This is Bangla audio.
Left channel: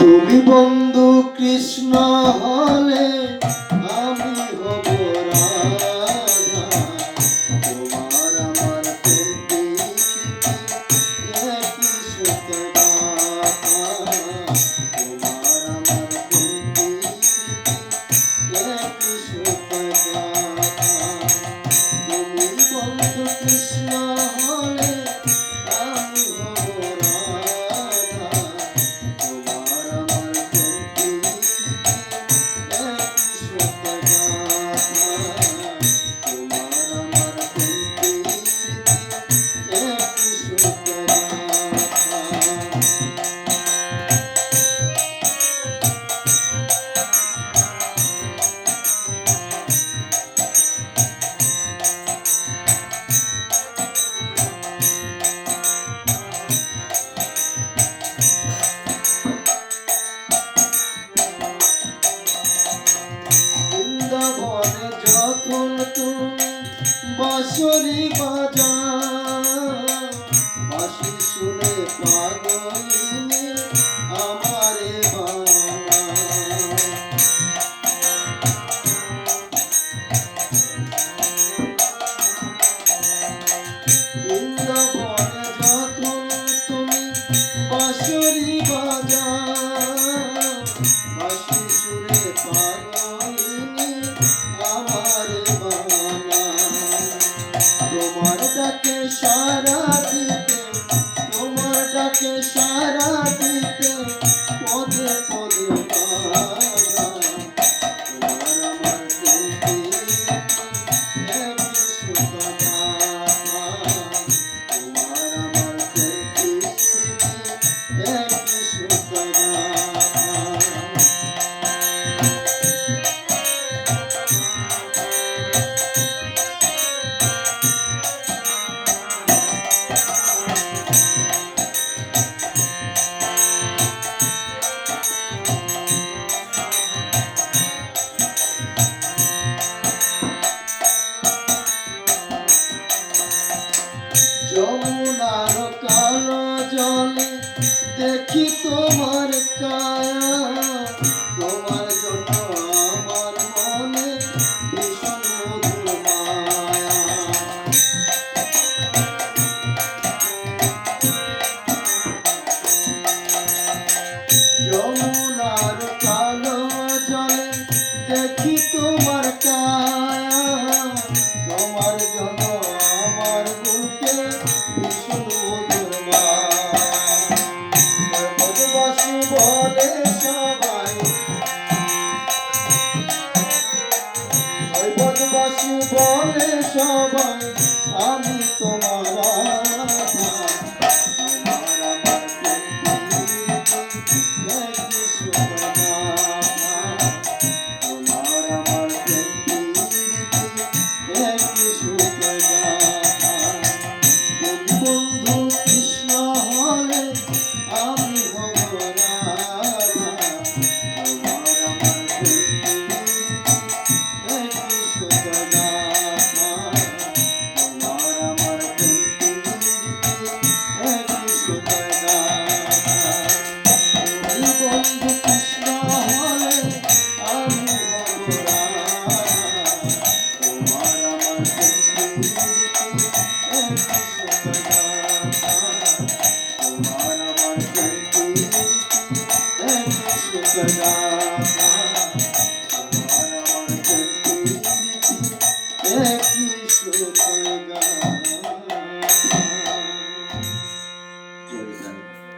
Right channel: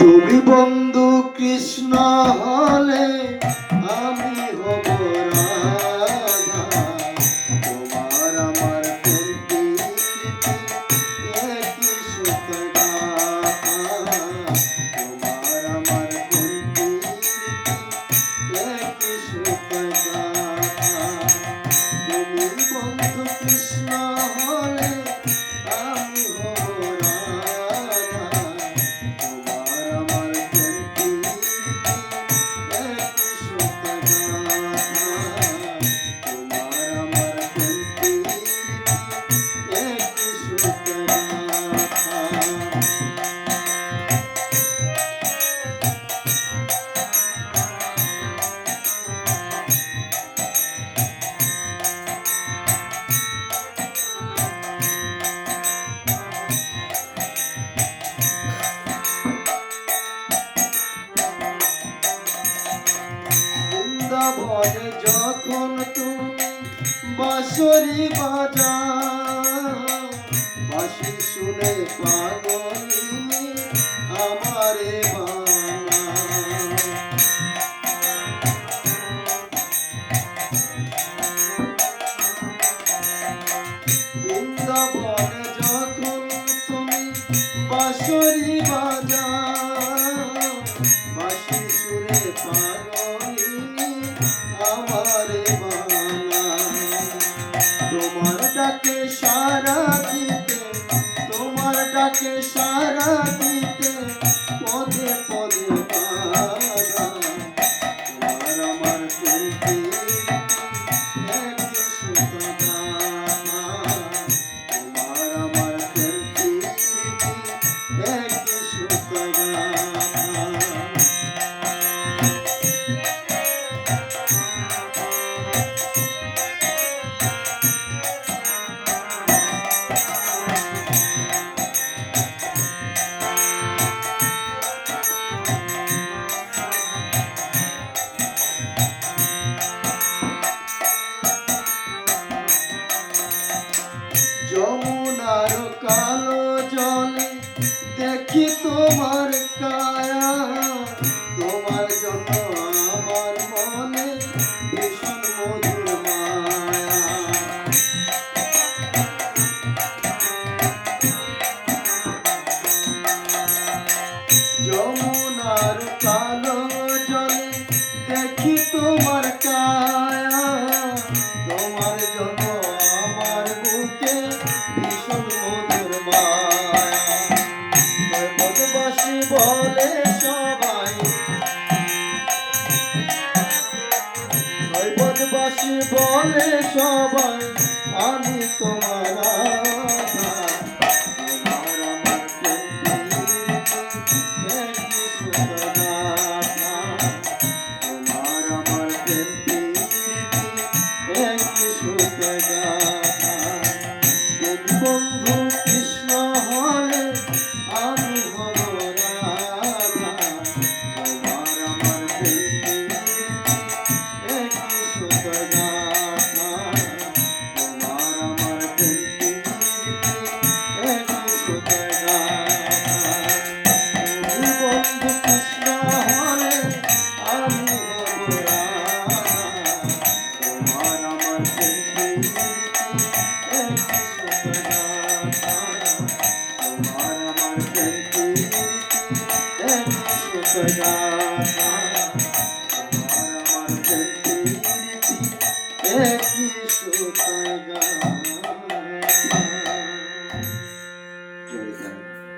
তুমি বন্ধু কৃষ্ণ হলে আমি হব রাধা। তোমার আমার প্রেম প্রীতি একই সুখ গাথা। তোমার আমার প্রেম প্রীতি একই সুখ গাথা। তুমি বন্ধু কৃষ্ণ হলে আমি হব রাধা। তোমার আমার প্রেম প্রীতি একই সুখ গাথা। তোমার আমার প্রেম প্রীতি একই সুখ গাথা। বৃন্দাবনে যখন তুমি বাঁশরি বাজাও, বাঁশি শুনে পাগলিনী আমারে বানাও। বৃন্দাবনে যখন তুমি বাঁশরি বাজাও, বাঁশি সুরে পাগলিনী আমারে বানাও। তোমার ডাকে সাড়া দিতে, তোমার ডাকে সাড়া দিতে পদে পদে বাধা। তোমার আমার প্রেম একই সুখ গাথা। তোমার আমার প্রেম একই সুখ গাথা। যমুনার কালো জলে দেখি তোমার কায়া, তোমার জন্য আমার মনে ভীষণ মধুর মায়া। যমুনার কালো জলে দেখি তোমার কায়া, তোমার জন্য আমার বুকে ভীষণ মধুর মায়া। ব্রজবাসী বলে সবাই, ব্রজবাসী বলে সবাই আমি তোমার রাধা। তোমার আমার প্রেম প্রীতি একই সুখ গাথা। তোমার আমার প্রেম প্রীতি একই সুখ গাথা। তুমি বন্ধু কৃষ্ণ হলে আমি হব রাধা। তোমার আমার প্রেম প্রীতি একই সুখ গাথা। তোমার আমার প্রেম প্রীতি একই সুখ গাথা। তুমি বন্ধু কৃষ্ণ হলে আমি হব রাধা। তোমার আমার প্রেম প্রীতি একই সুখ গাথা। তোমার আমার প্রেম প্রীতি একই সুখ গাথা। তোমার আমার প্রেম প্রীতি